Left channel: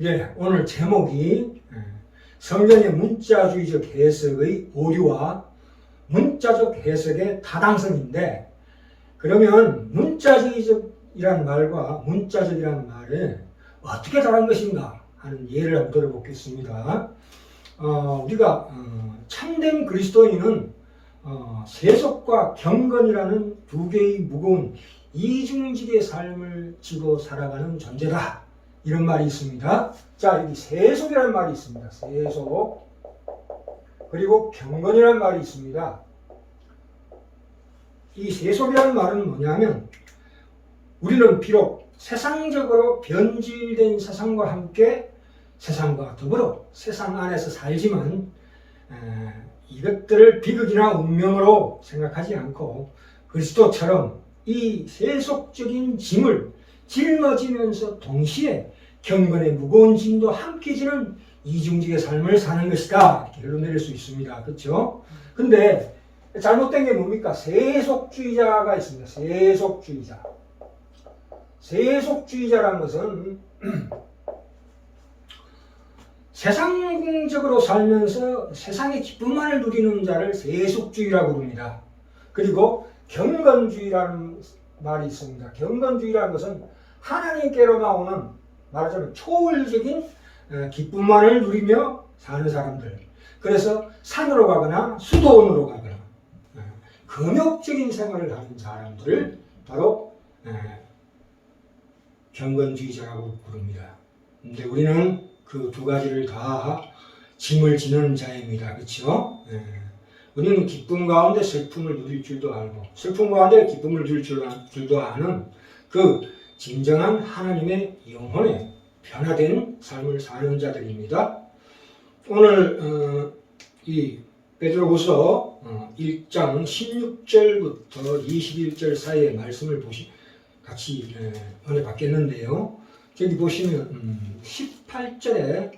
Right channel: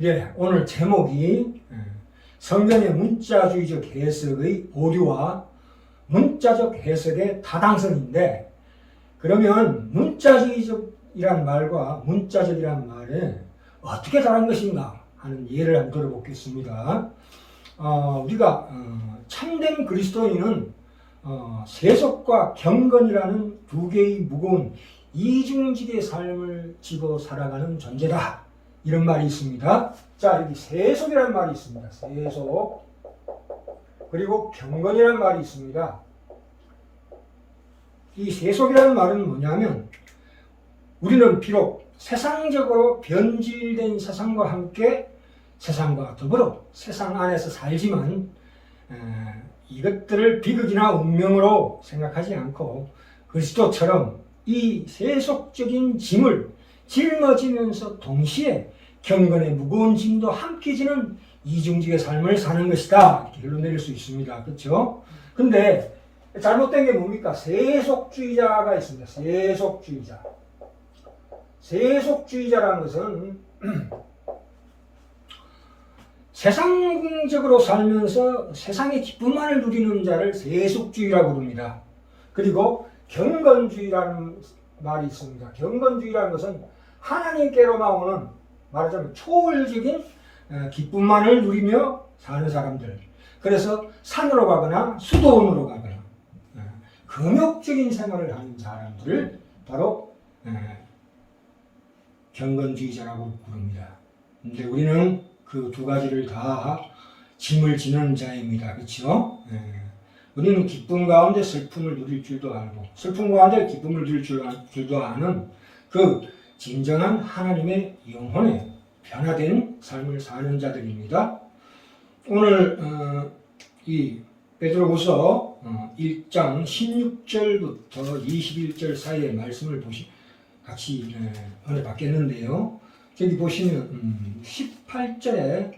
예, 오늘 제목이 성경의 문자주의적 해석의 오류와 문자적 해석의 타당성인데, 그러면 문자주의적이란 말과 문자적이란 말에 어떻게 다른 것인가 하는 예를 한번 들어보겠습니다. 우리가 참된 그리스도인은 세속과 경건이라는 두 개의 무거운 이중직의 삶을 지고 살아가는 존재다, 이런 말이 있습니다. 자, 여기 세속이라는 말이 있습니다. 세속. 그리고 경건이라는 말이 있습니다. 이 세속이라는 말은 뭐냐면, 우리는 비록 세상적으로 변질된 세상과 함께 세상과 더불어 세상 안에서 살지만 이것들을 비극이나 운명으로 생각하지 않고 그리스도처럼 이 세속적인 짐을 짊어지면서 동시에 경건의 무거운 짐도 함께 지는 이중직의 삶을 사는 것이다, 이렇게 결론 내릴 수 있습니다. 그렇죠? 근데 잘못된 게 뭡니까? 세속주의자가 있습니다. 세속주의자. 세속주의자라는 것은 세상적으로 살면서 세상의 기쁨만을 누리는 자를 세속주의라고 부릅니다. 그리고 경건주의라는 말이 있습니다. 경건주의라는 것은 하나님께로만 오는, 말하자면 초월적인 기쁨만을 누리며 사는 사람들. 그래서 산으로 가거나 수도원으로 가거나 금욕적인 생활을 하는 사람들을 바로 경건주의자라고 부릅니다. 근데 우리는 그 두 가지를 다 짐을 지는 자입니다. 그렇죠? 우리는 기쁨 가운데 슬픔을 누릴 줄도 알고 슬픔 가운데 기쁨을 누릴 줄도 아는 그 진정한 하나님의 영혼의 변화된 삶을 사는 자들입니다. 오늘 이 베드로후서 1장 16절부터 21절 사이의 말씀을 같이 은혜 받겠는데요. 저기 보시면 18절에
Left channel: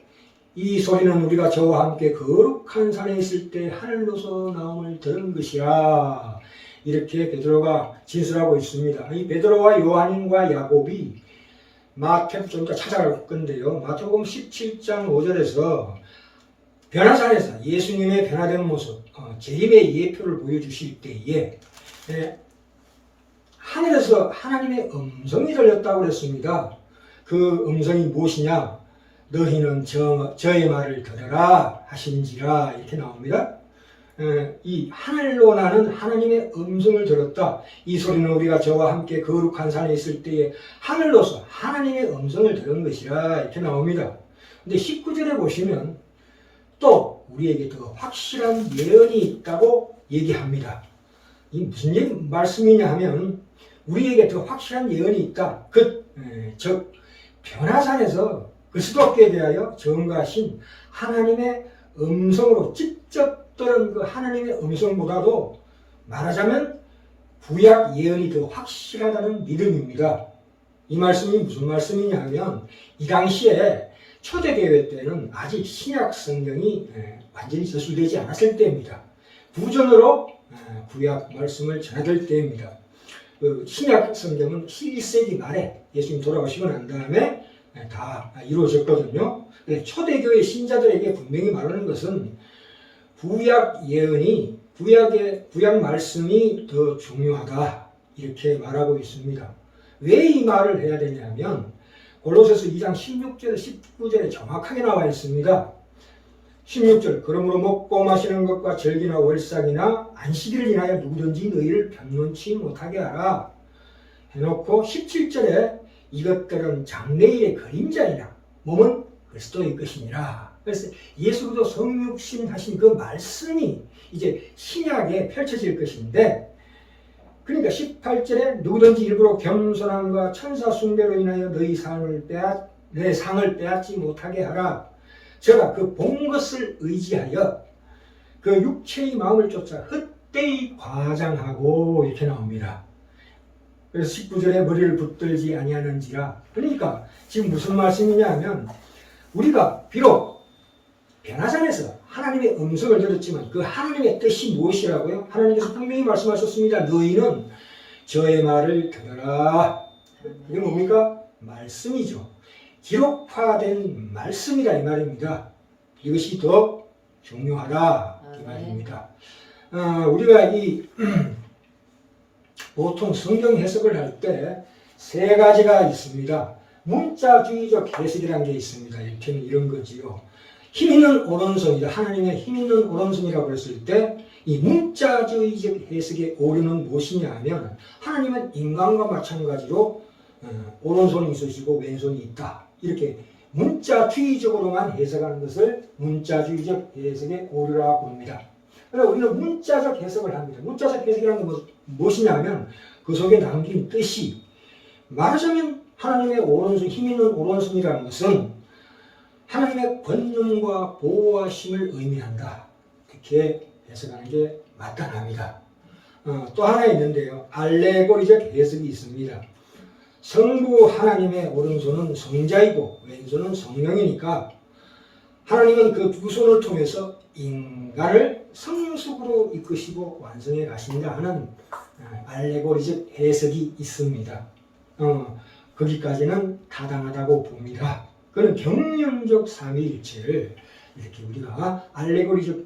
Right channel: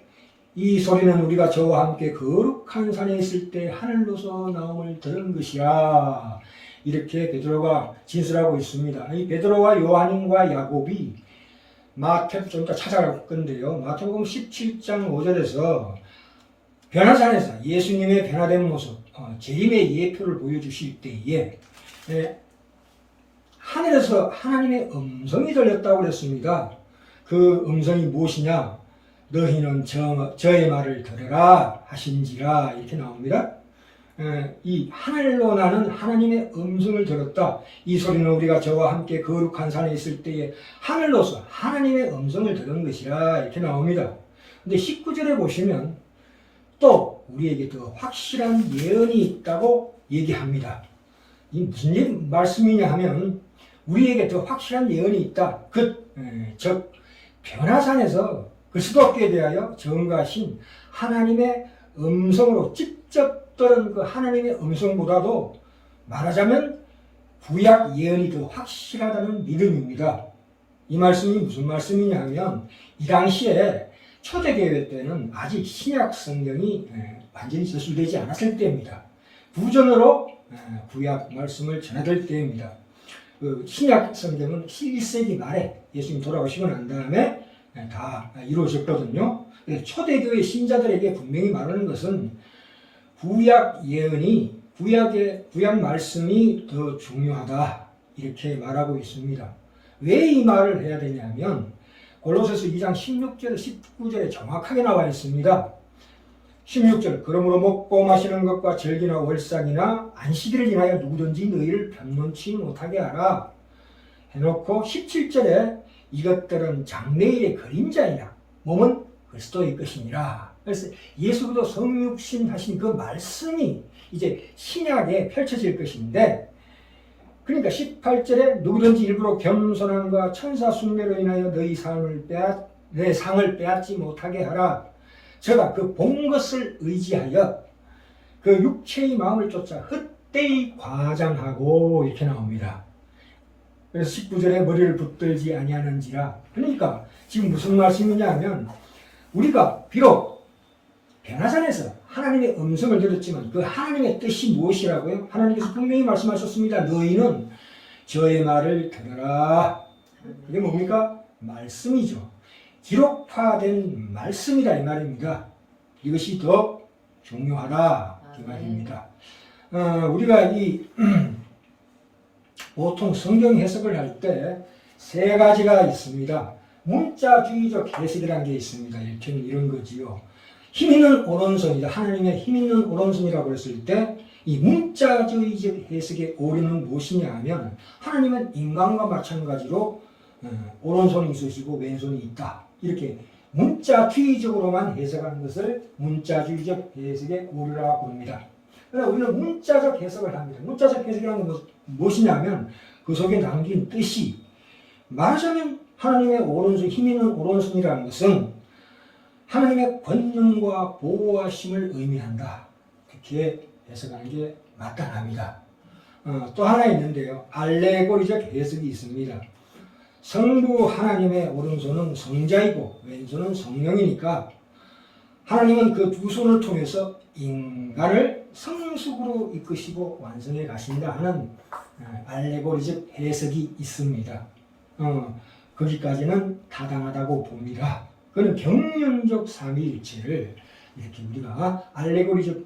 이 소리는 우리가 저와 함께 거룩한 산에 있을 때 하늘로서 나옴을 들은 것이라, 이렇게 베드로가 진술하고 있습니다. 이 베드로와 요한과 야곱이 마태복음 좀 이따 찾아갈 건데요. 마태복음 17장 5절에서 변화산에서 예수님의 변화된 모습, 재림의 예표를 보여주실 때에 하늘에서 하나님의 음성이 들렸다고 그랬습니다. 그 음성이 무엇이냐? 너희는 저의 말을 들으라 하신지라, 이렇게 나옵니다. 이 하늘로 나는 하나님의 음성을 들었다. 이 소리는 우리가 저와 함께 거룩한 산에 있을 때에 하늘로서 하나님의 음성을 들은 것이라, 이렇게 나옵니다. 근데 19절에 보시면 또 우리에게 더 확실한 예언이 있다고 얘기합니다. 이 무슨 말씀이냐 하면, 우리에게 더 확실한 예언이 있다. 즉 변화산에서 그리스도께 대하여 전가하신 하나님의 음성으로 직접 들은 그 하나님의 음성보다도 말하자면 구약 예언이 더 확실하다는 믿음입니다. 이 말씀이 무슨 말씀이냐 하면, 이 당시에 초대교회 때는 아직 신약 성경이 완전히 저술되지 않았을 때입니다. 구전으로 구약 말씀을 전해들 때입니다. 신약 성경은 11세기 말에 예수님 돌아가시고 난 다음에 다 이루어졌거든요. 초대교회 신자들에게 분명히 말하는 것은 구약 예언이, 구약 말씀이 더 중요하다, 이렇게 말하고 있습니다. 왜 이 말을 해야 되냐면, 골로새서 2장 16절 19절에 정확하게 나와 있습니다. 16절, 그러므로 먹고 마시는 것과 절기나 월삭이나 안식일을 인하여 누구든지 너희를 변론치 못하게 하라 해놓고, 17절에 이것들은 장래일의 그림자이라 몸은 그리스도의 것이니라. 그래서 예수 그리스도 성육신 하신 그 말씀이 이제 신약에 펼쳐질 것인데, 그러니까 18절에 누구든지 일부러 겸손함과 천사 숭배로 인하여 내 상을 빼앗지 못하게 하라. 제가 그 본 것을 의지하여 그 육체의 마음을 쫓아 헛되이 과장하고, 이렇게 나옵니다. 그래서 19절에 머리를 붙들지 아니하는지라. 그러니까 지금 무슨 말씀이냐 하면, 우리가 비록 변화산에서 하나님의 음성을 들었지만 그 하나님의 뜻이 무엇이라고요? 하나님께서 분명히 말씀하셨습니다. 너희는 저의 말을 들으라. 그게 뭡니까? 말씀이죠. 기록화된 말씀이라 이 말입니다. 이것이 더 중요하다 이 말입니다. 우리가 보통 성경 해석을 할 때 세 가지가 있습니다. 문자주의적 해석이라는 게 있습니다. 이런 거지요. 힘 있는 오른손이다. 하나님의 힘 있는 오른손이라고 했을 때 이 문자주의적 해석의 오류는 무엇이냐 하면 하나님은 인간과 마찬가지로 오른손이 있으시고 왼손이 있다. 이렇게 문자주의적으로만 해석하는 것을 문자주의적 해석의 오류라고 봅니다. 그래서 우리는 문자적 해석을 합니다. 문자적 해석이라는 건 무엇이냐면 그 속에 담긴 뜻이 말하자면 하나님의 오른손, 힘 있는 오른손이라는 것은 하나님의 권능과 보호하심을 의미한다. 그렇게 해석하는 게 마땅합니다. 또 하나 있는데요. 알레고리적 해석이 있습니다. 성부 하나님의 오른손은 성자이고 왼손은 성령이니까 하나님은 그 두 손을 통해서 인간을 성숙으로 이끄시고 완성해 가신다 하는 알레고리적 해석이 있습니다. 거기까지는 타당하다고 봅니다. 그는 경륜적 삼위일체를 이렇게 우리가 알레고리적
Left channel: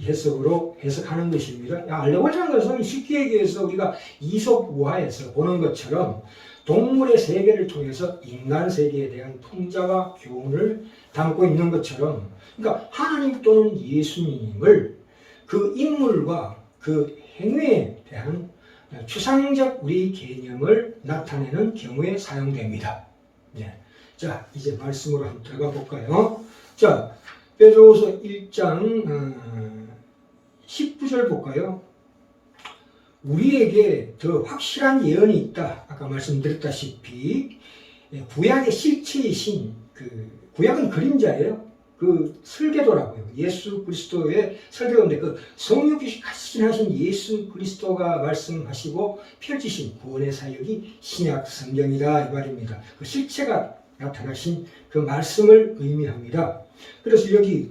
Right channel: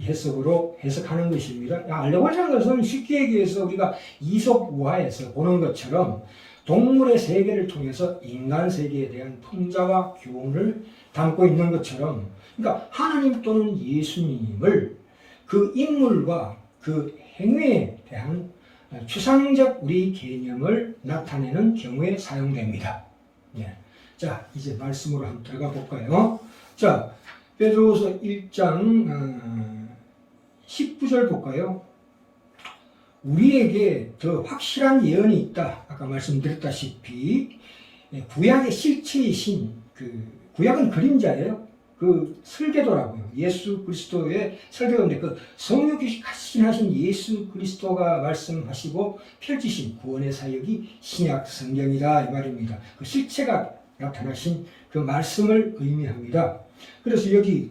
해석으로 해석하는 것입니다. 알레고리라는 것은 쉽게 얘기해서 우리가 이솝우화에서 보는 것처럼 동물의 세계를 통해서 인간 세계에 대한 풍자와 교훈을 담고 있는 것처럼, 그러니까 하나님 또는 예수님을 그 인물과 그 행위에 대한 추상적 우리 개념을 나타내는 경우에 사용됩니다. 네. 자, 이제 말씀으로 한번 들어가 볼까요? 자, 베드로후서 1장 19절 볼까요? 우리에게 더 확실한 예언이 있다. 아까 말씀드렸다시피 구약의 실체이신 구약은 그림자예요. 그 설계도라고요. 예수 그리스도의 설계도인데 그 성육이 하신 예수 그리스도가 말씀하시고 펼치신 구원의 사역이 신약 성경이다 이 말입니다. 그 실체가 나타나신 그 말씀을 의미합니다. 그래서 여기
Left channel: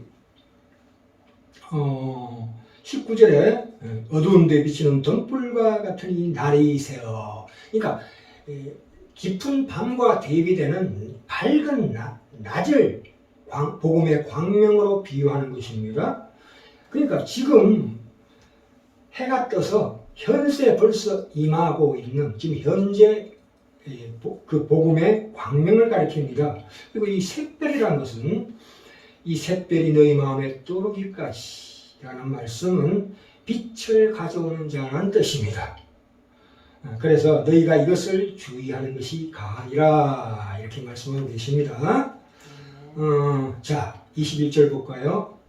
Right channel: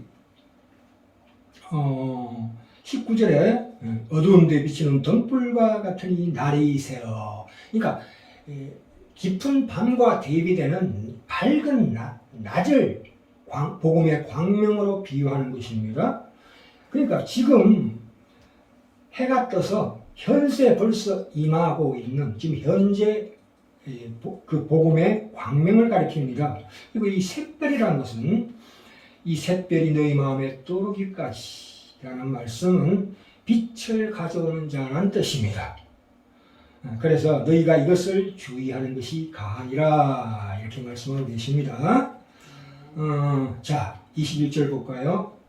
19절에 어두운 데 비치는 등불과 같은 이 날이세요. 그러니까 깊은 밤과 대비되는 밝은 낮을 복음의 광명으로 비유하는 것입니다. 그러니까 지금 해가 떠서 현세 벌써 임하고 있는 지금 현재 그 복음의 광명을 가리킵니다. 그리고 이 샛별이라는 것은 이 샛별이 너희 마음에 떠오르기까지 라는 말씀은 빛을 가져오는 자라는 뜻입니다. 그래서 너희가 이것을 주의하는 것이 가하니라 이렇게 말씀하고 계십니다. 자, 21절 볼까요?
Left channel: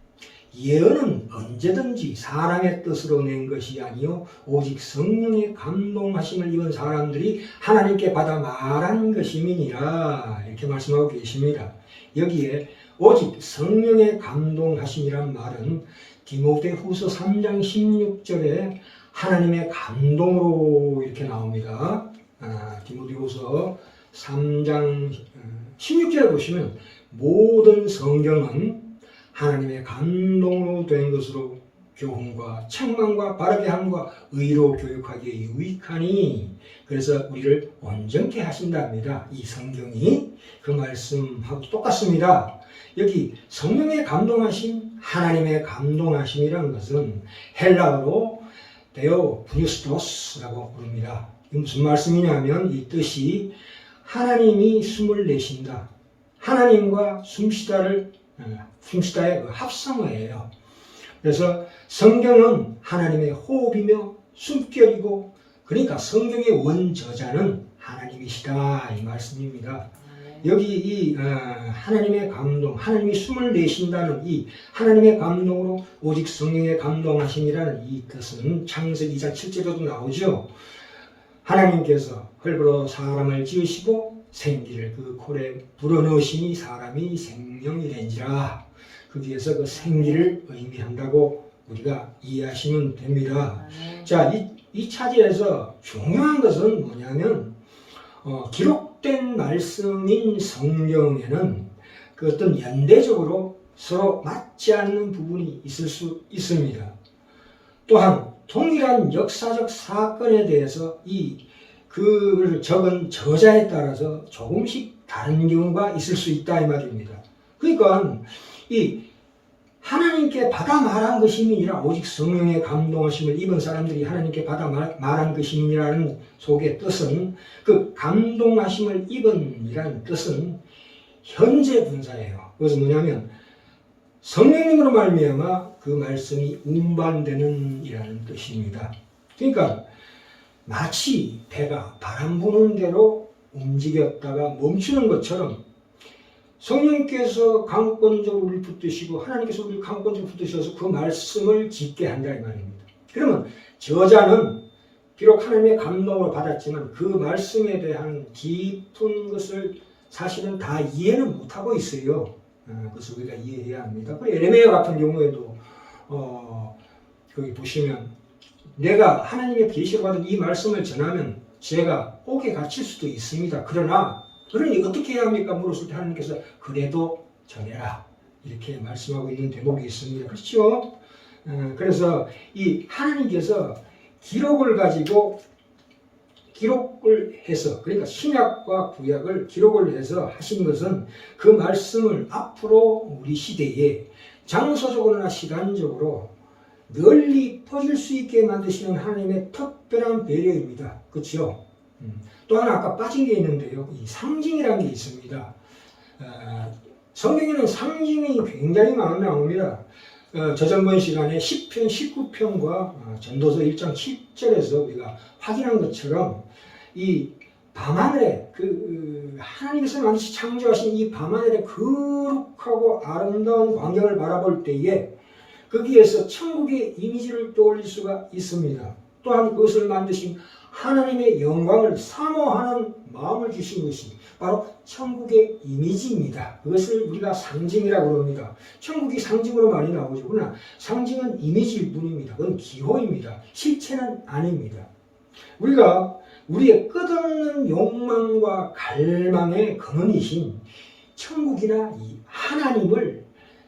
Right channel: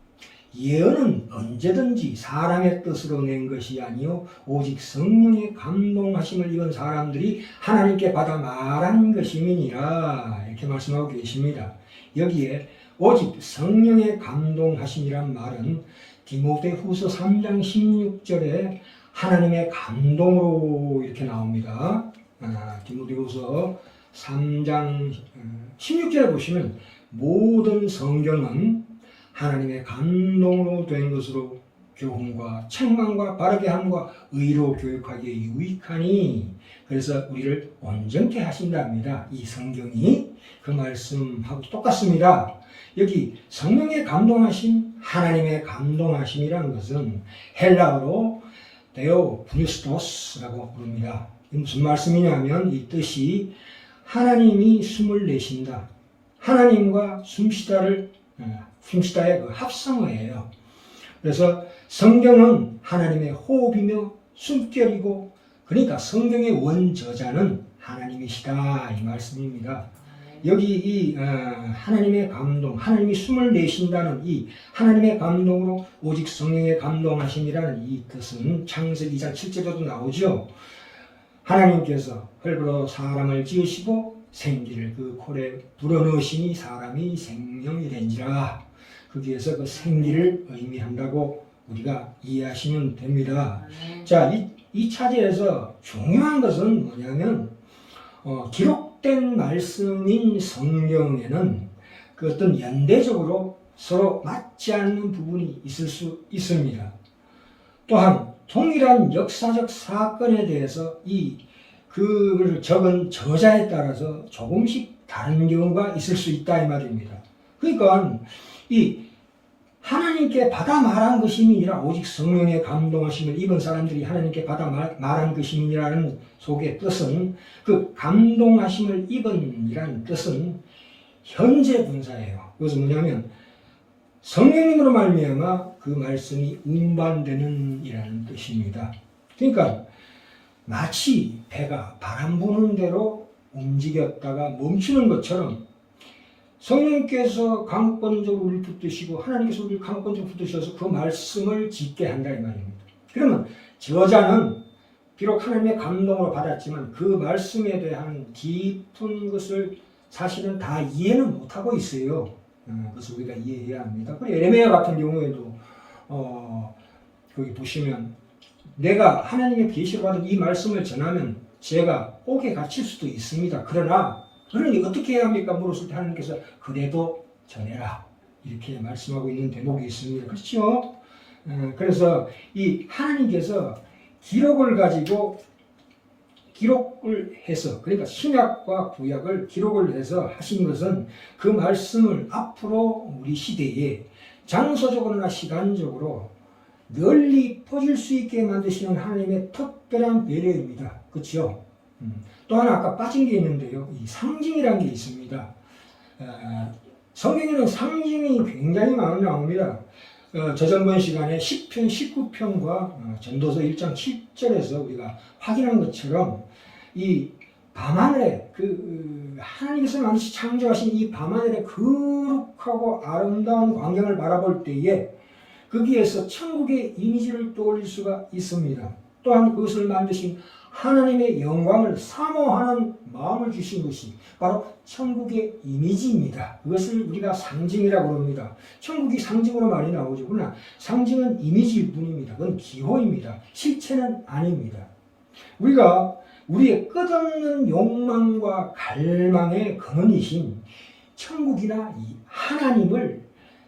예언은 언제든지 사람의 뜻으로 낸 것이 아니요 오직 성령의 감동하심을 입은 사람들이 하나님께 받아 말한 것임이니라 이렇게 말씀하고 계십니다. 여기에 오직 성령의 감동하심이란 말은 디모데후서 3장 16절에 하나님의 감동으로 이렇게 나옵니다. 디모데후서 3장 16절에 보시면 모든 성경은 하나님의 감동으로 된 것으로 교훈과 책망과 바르게 함과 의로 교육하기에 유익하니 그래서 우리를 온전케 하신답니다. 이 성경이 그 말씀하고 똑같습니다. 여기 성령의 감동하심, 하나님의 감동하심이라는 것은 헬라어로 데오프니스토스라고 부릅니다. 이 무슨 말씀이냐면 이 뜻이 하나님이 숨을 내쉰다. 하나님과 숨쉬다의 그 합성어예요. 그래서 성경은 하나님의 호흡이며 숨결이고 그러니까 성경의 원저자는 하나님이시다 이 말씀입니다. 여기 이 하나님의 감동, 하나님이 숨을 내쉰다는 이 하나님의 감동으로 오직 성령의 감동하심이라는 이 뜻은 창세기 2장 7절에도 나오죠. 하나님께서 흙으로 사람을 지으시고 생기를 그 콜에 불어넣으시니 사람이 생명이 된지라. 거기에서 그 생기를 의미한다고 우리가 이해하시면 됩니다. 자, 이 차지에서 중요한 것은 뭐냐면 기록된 말씀인 성경에는 그 어떤 연대적으로 서로 맞지 않는 부분이 있을 수 있습니다. 또한 동일한 역사적 사건에 대해서 그를 적은 저자에 따라서 조금씩 다른 경우가 있을 수 있다 이 말입니다. 그러니까 이 하나님께 받아 말한 것임이니라 오직 성령의 감동하심을 입은 사람들이 하나님께 받아 말한 것임이라는 속의 뜻은 그 감동하심을 입은이라는 뜻은 현재 분사예요. 그래서 뭐냐면 성령님으로 말미암아 그 말씀이 운반되는 이라는 뜻입니다. 그러니까 마치 배가 바람 부는 대로 움직였다가 멈추는 것처럼 성령께서 강권적으로 우리를 붙드시고 하나님께서 우리를 강권적으로 붙드셔서 그 말씀을 짓게 한다 이 말입니다. 그러면 저자는 비록 하나님의 감동을 받았지만 그 말씀에 대한 깊은 것을 사실은 다 이해는 못하고 있어요. 그래서 우리가 이해해야 합니다. 그리고 에레미야 같은 경우에도 거기 보시면 내가 하나님의 계시로 받은 이 말씀을 전하면 제가 옥에 갇힐 수도 있습니다. 그러니 어떻게 해야 합니까? 물었을 때 하나님께서 그래도 전해라 이렇게 말씀하고 있는 대목이 있습니다. 그렇죠? 그래서 이 하나님께서 기록을 가지고 기록을 해서 그러니까 신약과 구약을 기록을 해서 하신 것은 그 말씀을 앞으로 우리 시대에 장소적으로나 시간적으로 널리 퍼질 수 있게 만드시는 하나님의 특별한 배려입니다. 그렇죠? 또 하나 아까 빠진 게 있는데요. 이 상징이라는 게 있습니다. 성경에는 상징이 굉장히 많이 나옵니다. 저전번 시간에 10편, 19편과 전도서 1장 10절에서 우리가 확인한 것처럼 이 밤하늘에 하나님께서 만드시 창조하신 이 밤하늘의 거룩하고 아름다운 광경을 바라볼 때에 거기에서 천국의 이미지를 떠올릴 수가 있습니다. 또한 그것을 만드신 하나님의 영광을 사모하는 마음을 주신 것이 바로 천국의 이미지입니다. 그것을 우리가 상징이라고 합니다. 천국이 상징으로 많이 나오죠. 그러나 상징은 이미지일 뿐입니다. 그건 기호입니다. 실체는 아닙니다. 우리가 우리의 끝없는 욕망과 갈망의 근원이신 천국이나 이 하나님을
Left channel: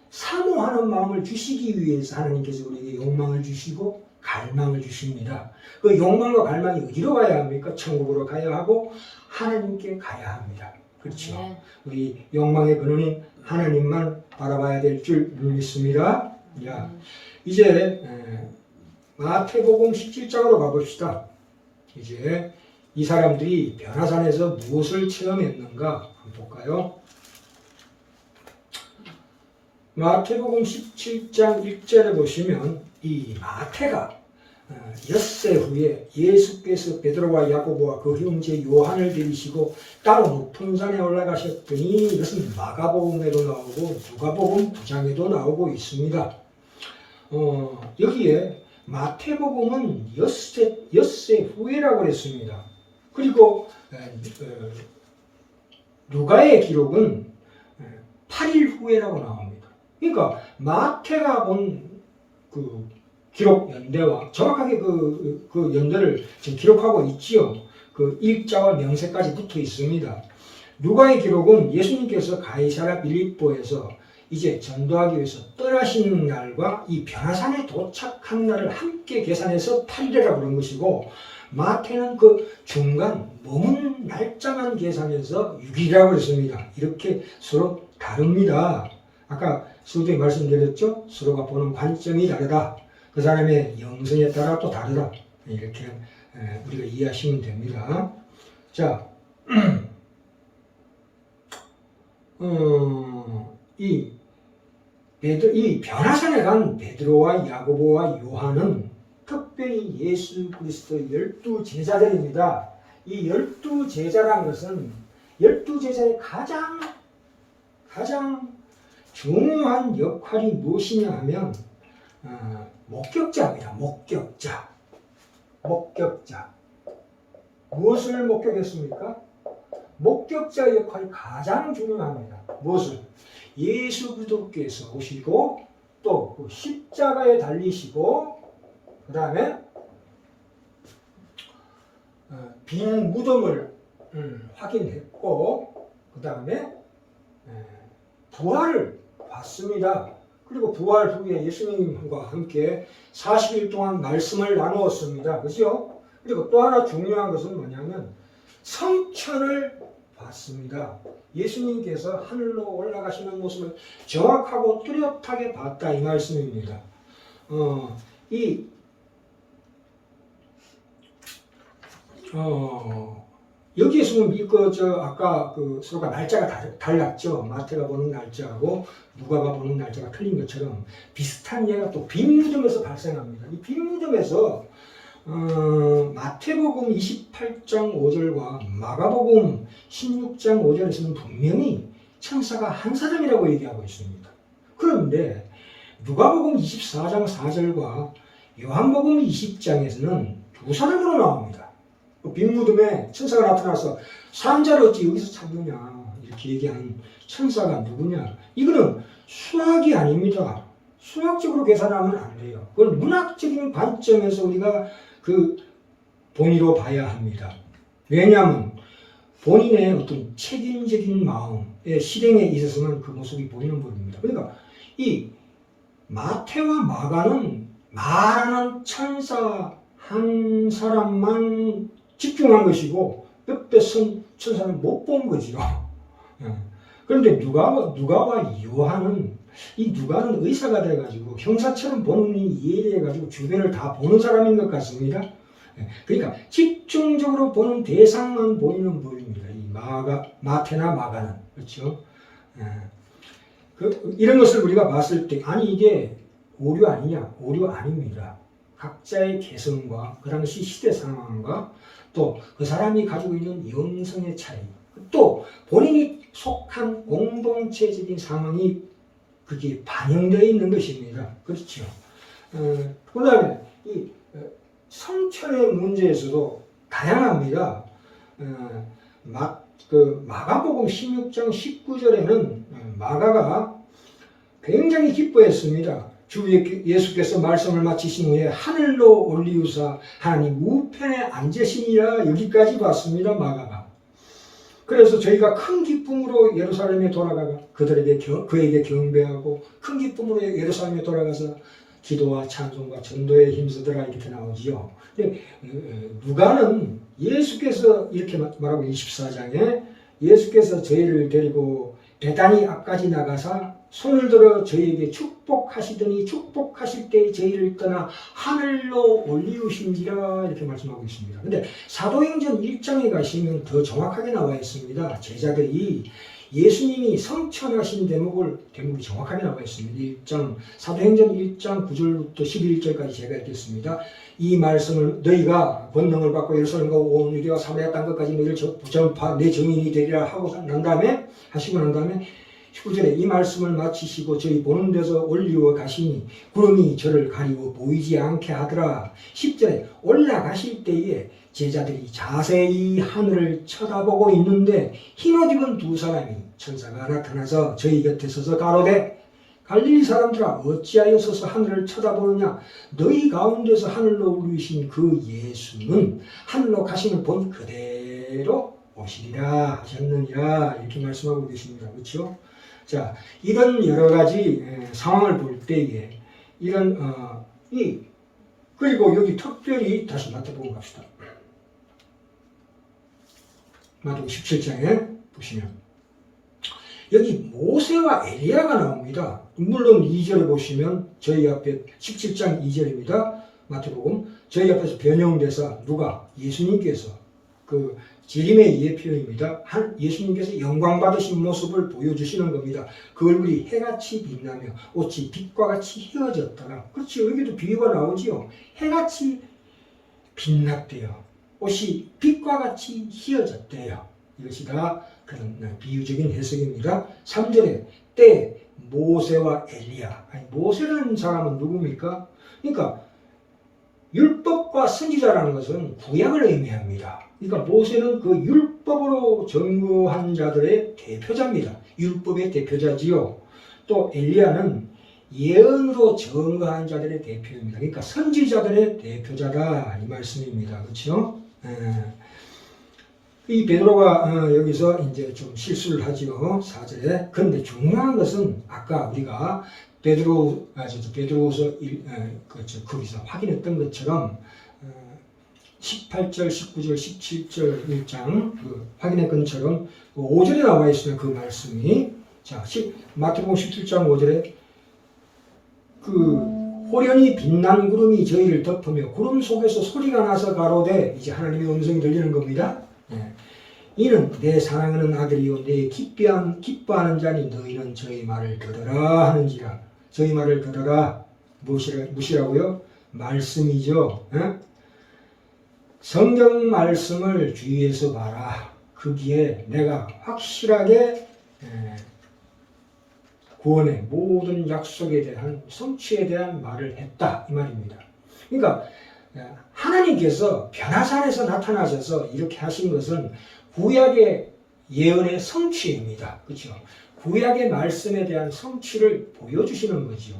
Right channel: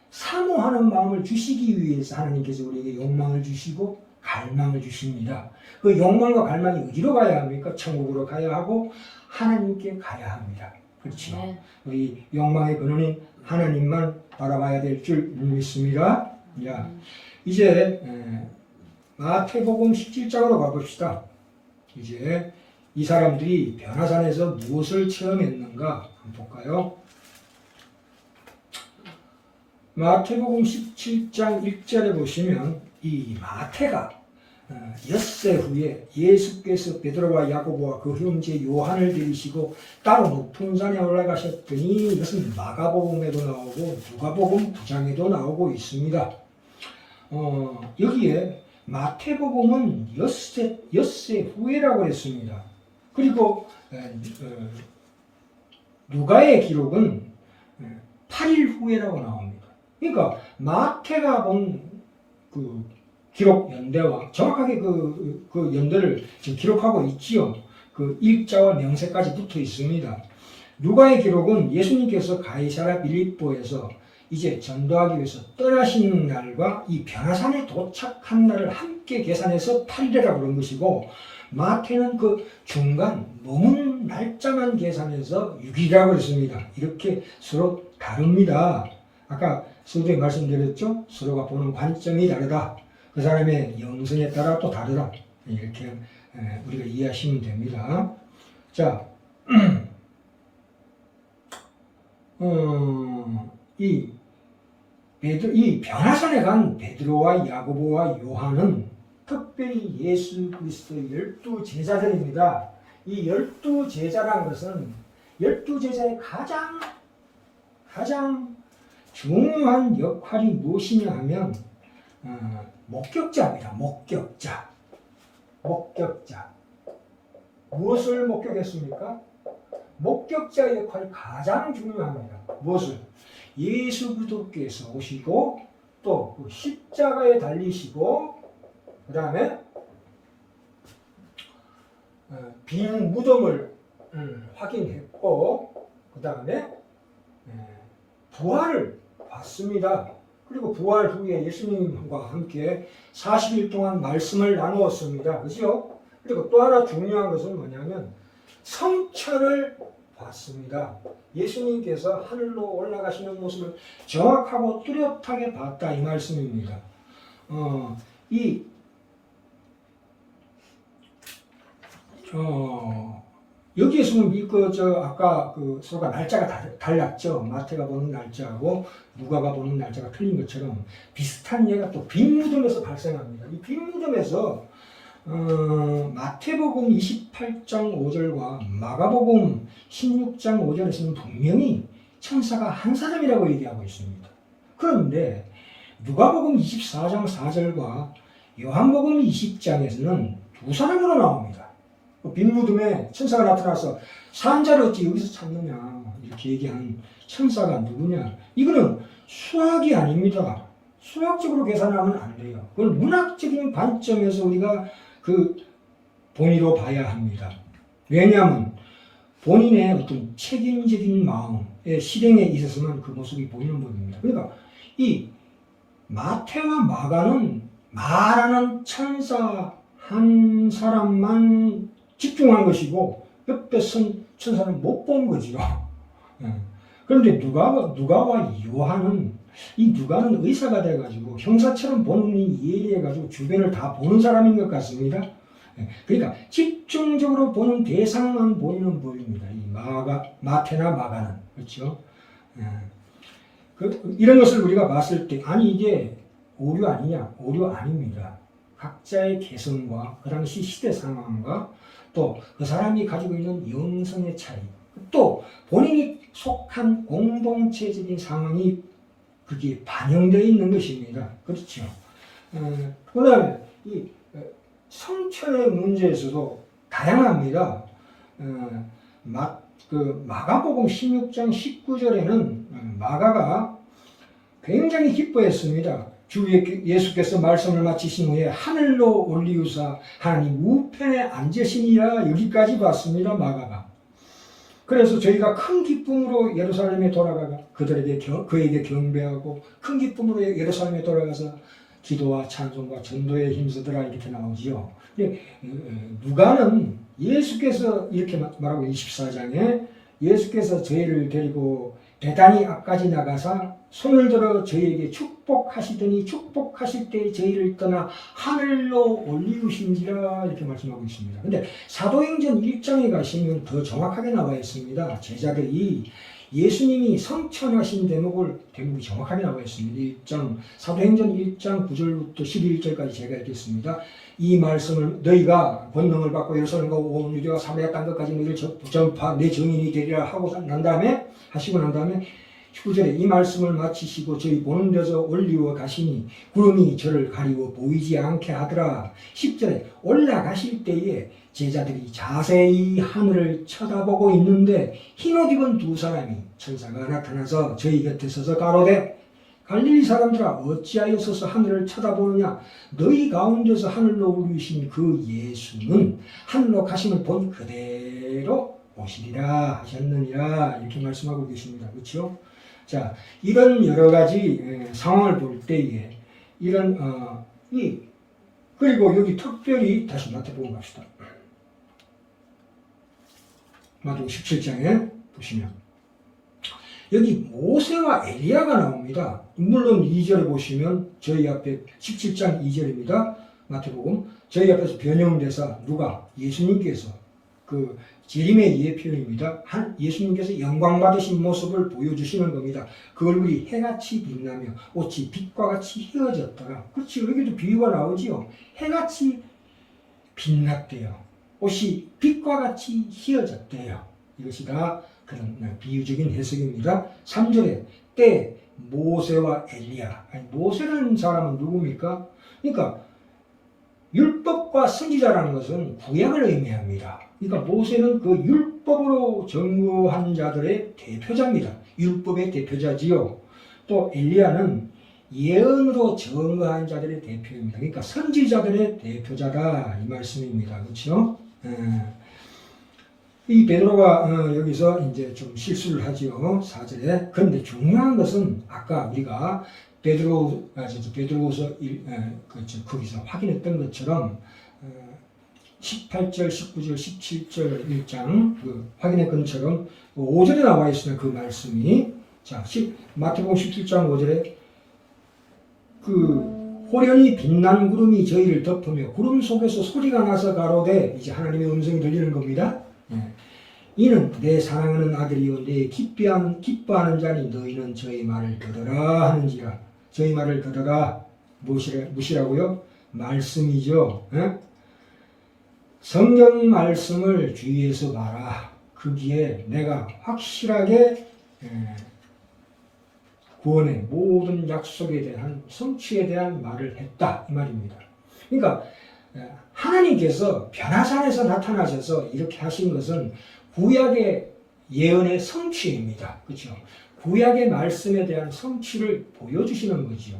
사모하는 마음을 주시기 위해서 하나님께서 우리에게 욕망을 주시고 갈망을 주십니다. 그 욕망과 갈망이 어디로 가야 합니까? 천국으로 가야 하고 하나님께 가야 합니다. 그렇죠? 네. 우리 욕망의 근원인 하나님만 바라봐야 될 줄 믿습니다. 자, 이제 마태복음 17장으로 가봅시다. 이제 이 사람들이 변화산에서 무엇을 체험했는가 한번 볼까요? 마태복음 17장 1절에 보시면 이 마태가 엿새 후에 예수께서 베드로와 야고보와 그 형제 요한을 데리시고 따로 높은 산에 올라가셨더니 이것은 마가복음에도 나오고 누가복음 9장에도 나오고 있습니다. 여기에 마태복음은 엿새 후에라고 했습니다. 그리고 누가의 기록은 8일 후에라고 나옵니다. 그러니까 마태가 본 그 기록 연대와 정확하게 그 연대를 지금 기록하고 있지요. 그 일자와 명세까지 붙어 있습니다. 누가의 기록은 예수님께서 가이사랴 빌립보에서 이제 전도하기 위해서 떠나신 날과 이 변화산에 도착한 날을 함께 계산해서 8일이라고 부른 것이고, 마태는 그 중간 머문 날짜만 계산해서 6일이라고 했습니다. 이렇게 서로 다릅니다. 아까 서두에 말씀드렸죠? 서로가 보는 관점이 다르다. 그 사람의 영성에 따라 또 다르다. 이렇게 우리가 이해하시면 됩니다. 자, 이 변화산에 간 베드로와 야고보와 요한은 특별히 예수 그리스도의 12제자들입니다. 이 12제자라는 것은 12제자의 가장 중요한 역할이 무엇이냐 하면 목격자입니다. 목격자. 무엇을 목격했습니까? 목격자의 역할이 가장 중요합니다. 무엇을? 예수 그리스도께서 오시고 또 그 십자가에 달리시고 그 다음에 빈 무덤을 확인했고 그 다음에 부활을 봤습니다. 그리고 부활 후에 예수님과 함께 40일 동안 말씀을 나누었습니다. 그죠? 그리고 또 하나 중요한 것은 뭐냐면 성천을 봤습니다. 예수님께서 하늘로 올라가시는 모습을 정확하고 뚜렷하게 봤다 이 말씀입니다. 이 여기에서는 아까 서로가 날짜가 달랐죠. 마태가 보는 날짜하고 누가가 보는 날짜가 틀린 것처럼 비슷한 예가 또 빈무덤에서 발생합니다. 이 빈무덤에서 마태복음 28장 5절과 마가복음 16장 5절에서는 분명히 천사가 한 사람이라고 얘기하고 있습니다. 그런데 누가복음 24장 4절과 요한복음 20장에서는 두 사람으로 나옵니다. 빈무덤에 천사가 나타나서 산자를 어찌 여기서 찾느냐 이렇게 얘기하는 천사가 누구냐. 이거는 수학이 아닙니다. 수학적으로 계산하면 안 돼요. 그걸 문학적인 관점에서 우리가 본의로 봐야 합니다. 왜냐하면 본인의 어떤 책임적인 마음의 실행에 있어서는 그 모습이 보이는 법입니다. 그러니까 이 마태와 마가는 말하는 천사 한 사람만 집중한 것이고 옆에 선 천사는 못 본 거죠. 그런데 누가와 요한은 이 누가는 의사가 돼가지고 형사처럼 보는 이 이해해가지고 주변을 다 보는 사람인 것 같습니다. 그러니까 집중적으로 보는 대상만 보이는 법입니다. 이 마태나 마가는 그렇죠. 이런 것을 우리가 봤을 때 아니 이게 오류 아니냐? 오류 아닙니다. 각자의 개성과 그 당시 시대 상황과 또 그 사람이 가지고 있는 영성의 차이, 또 본인이 속한 공동체적인 상황이 그게 반영되어 있는 것입니다. 그렇죠. 그 다음에 이 성철의 문제에서도 다양합니다. 마가복음 16장 19절에는 마가가 굉장히 기뻐했습니다. 주 예수께서 말씀을 마치신 후에 하늘로 올리우사 하나님 우편에 앉으시니라 여기까지 봤습니다. 마가가. 그래서 저희가 큰 기쁨으로 예루살렘에 돌아가가 그에게 경배하고 큰 기쁨으로 예루살렘에 돌아가서 기도와 찬송과 전도에 힘쓰더라 이렇게 나오지요. 근데 누가는 예수께서 이렇게 말하고 24장에 예수께서 저희를 데리고 베다니 앞까지 나가사 손을 들어 저희에게 축복하시더니 축복하실 때 저희를 떠나 하늘로 올리우신지라 이렇게 말씀하고 있습니다. 근데 사도행전 1장에 가시면 더 정확하게 나와 있습니다. 제자들이 예수님이 성천하신 대목이 정확하게 나와 있습니다. 사도행전 1장 9절부터 11절까지 제가 읽겠습니다. 이 말씀을 너희가 권능을 받고 예루살렘과 온 유대와 사마리아 땅 끝까지 너희를 전파 내 증인이 되리라 하시고 난 다음에 19절에 이 말씀을 마치시고 저희 보는 데서 올리워 가시니 구름이 저를 가리워 보이지 않게 하더라. 10절에 올라가실 때에 제자들이 자세히 하늘을 쳐다보고 있는데 흰옷 입은 두 사람이 천사가 나타나서 저희 곁에 서서 가로되 갈릴리 사람들아 어찌하여 서서 하늘을 쳐다보느냐. 너희 가운데서 하늘로 올리신 그 예수는 하늘로 가심을 본 그대로 오시리라 하셨느니라 이렇게 말씀하고 계십니다. 그렇죠? 자, 이런 여러 가지 상황을 볼 때에 이런 그리고 여기 특별히 다시 마태복음 갑시다. 마태복음 17장에 보시면 여기 모세와 엘리야가 나옵니다. 물론 2절을 보시면 저희 앞에 17장 2절입니다. 마태복음 저희 앞에서 변형돼서 누가 예수님께서 지림의 이해 표현입니다. 예수님께서 영광 받으신 모습을 보여주시는 겁니다. 그 얼굴이 해같이 빛나며 옷이 빛과 같이 휘어졌더라. 그렇지, 여기도 비유가 나오지요. 해같이 빛났대요. 옷이 빛과 같이 휘어졌대요. 이것이 다 그런 비유적인 해석입니다. 3절에 때 모세와 엘리야. 모세라는 사람은 누굽니까? 그러니까 율법과 선지자라는 것은 구약을 의미합니다. 그러니까 모세는 그 율법으로 증거한 자들의 대표자입니다. 율법의 대표자지요. 또 엘리야는 예언으로 증거한 자들의 대표입니다. 그러니까 선지자들의 대표자다 이 말씀입니다. 그렇죠? 이 베드로가 여기서 이제 좀 실수를 하지요. 4절에. 그런데 중요한 것은 아까 우리가 베드로서 거기서 확인했던 것처럼 18절, 19절, 17절 1장 확인했던 것처럼 5절에 나와 있으면 그 말씀이 자, 마태복음 17장 5절에 그 호련히 빛난 구름이 저희를 덮으며 구름 속에서 소리가 나서 가로되 이제 하나님의 음성이 들리는 겁니다. 예. 이는 내 사랑하는 아들이요 내 기뻐하는 자니 너희는 저희 말을 들으라 하는지라. 저희 말을 들으라 무시라고요? 말씀이죠. 예? 성경 말씀을 주의해서 봐라. 거기에 내가 확실하게 구원의 모든 약속에 대한 성취에 대한 말을 했다 이 말입니다. 그러니까 하나님께서 변화산에서 나타나셔서 이렇게 하신 것은 구약의 예언의 성취입니다. 그렇죠? 구약의 말씀에 대한 성취를 보여주시는 거죠.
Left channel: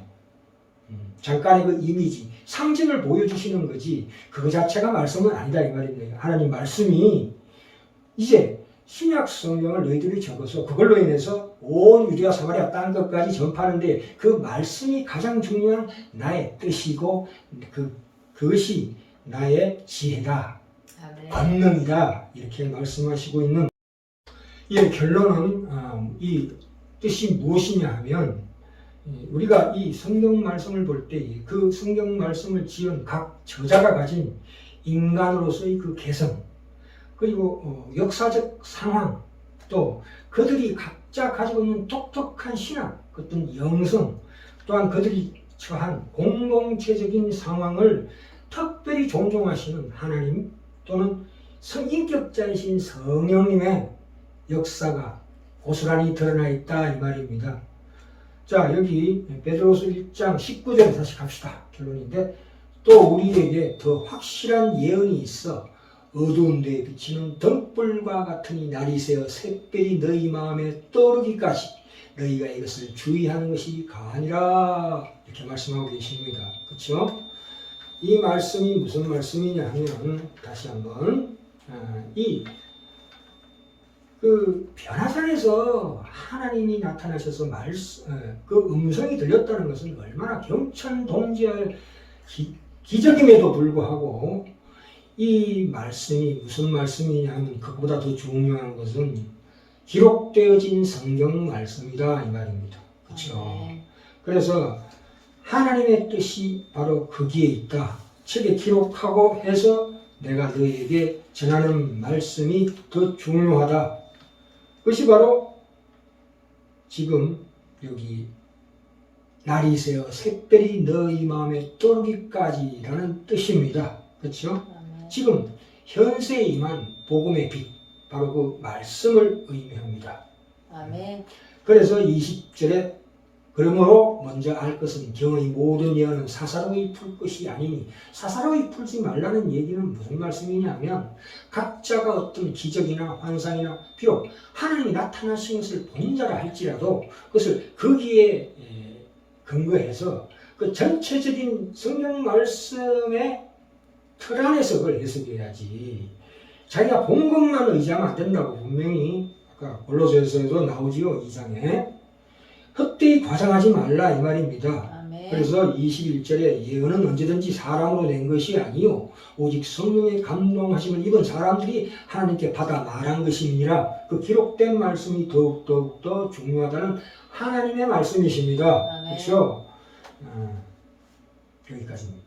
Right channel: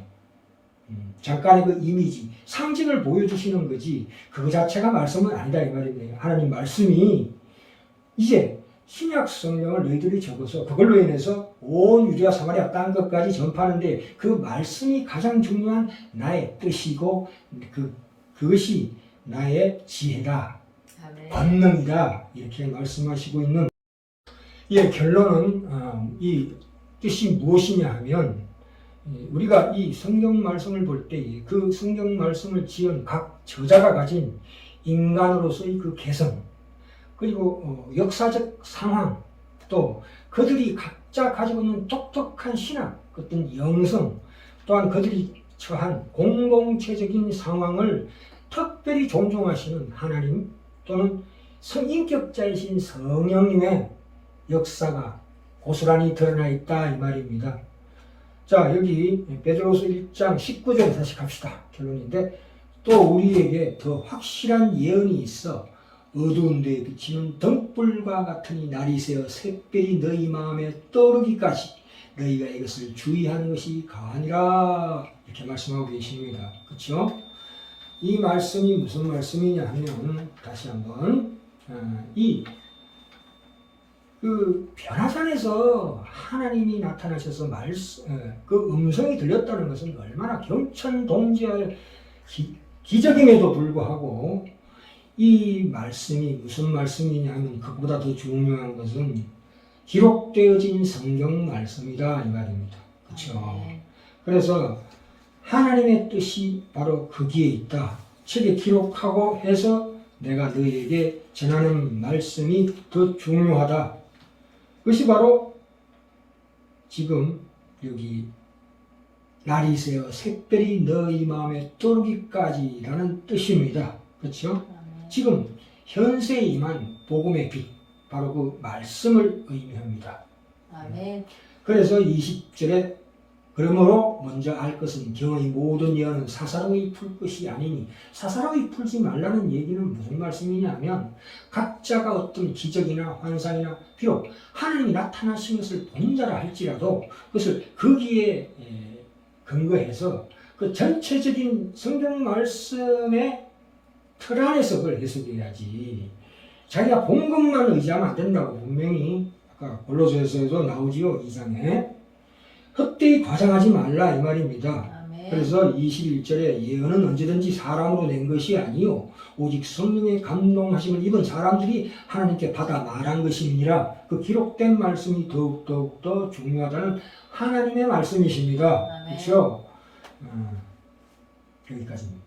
잠깐의 그 이미지, 상징을 보여주시는 거지 그 자체가 말씀은 아니다 이 말입니다. 하나님 말씀이 이제 신약 성경을 너희들이 적어서 그걸로 인해서 온 유대와 사마리아 땅 끝까지 전파하는데 그 말씀이 가장 중요한 나의 뜻이고 그것이 나의 지혜다, 권능이다 이렇게 말씀하시고 있는 이 결론은 이 뜻이 무엇이냐 하면 우리가 이 성경 말씀을 볼 때 그 성경 말씀을 지은 각 저자가 가진 인간으로서의 그 개성 그리고 역사적 상황 또 그들이 각자 가지고 있는 독특한 신학 어떤 영성 또한 그들이 처한 공동체적인 상황을 특별히 존중하시는 하나님 또는 성인격자이신 성령님의 역사가 고스란히 드러나 있다 이 말입니다. 자 여기 베드로서 1장 19절 다시 갑시다. 결론인데 또 우리에게 더 확실한 예언이 있어 어두운 데에 비치는 등불과 같으니 날이 새어 샛별이 너희 마음에 떠오르기까지 너희가 이것을 주의하는 것이 가하니라 이렇게 말씀하고 계십니다. 그렇죠? 이 말씀이 무슨 말씀이냐 하면 다시 한번 그 변화산에서 하나님이 나타나셔서 그 음성이 들렸다는 것은 얼마나 경천동지할 기적임에도 불구하고 이 말씀이 무슨 말씀이냐 하면 그보다 더 중요한 것은 기록되어진 성경 말씀이다 이 말입니다. 그렇죠? 그래서 하나님의 뜻이 바로 거기에 있다. 책에 기록하고 해서 내가 너에게 전하는 말씀이 더 중요하다. 그것이 바로 지금 여기 날이 새어 샛별이 너희 마음에 떠오르기까지라는 뜻입니다. 그렇죠? 지금 현세에 임한 복음의 빛 바로 그 말씀을 의미합니다. 아멘. 그래서 20절에 그러므로 먼저 알 것은 경의 모든 예언은 사사로이 풀 것이 아니니 사사로이 풀지 말라는 얘기는 무슨 말씀이냐면 각자가 어떤 기적이나 환상이나 비록 하나님이 나타나신 것을 본 자라 할지라도 그것을 거기에 근거해서 그 전체적인 성경 말씀의 틀 안에서 그걸 해석해야지 자기가 본 것만 의지하면 안 된다고 분명히 아까 골로새서에도 나오지요. 2장에 헛되이 과장하지 말라 이 말입니다. 아멘. 그래서 21절에 예언은 언제든지 사람으로 낸 것이 아니요 오직 성령의 감동하심을 입은 사람들이 하나님께 받아 말한 것입니다. 그 기록된 말씀이 더욱더 중요하다는 하나님의 말씀이십니다. 그렇죠? 여기까지입니다.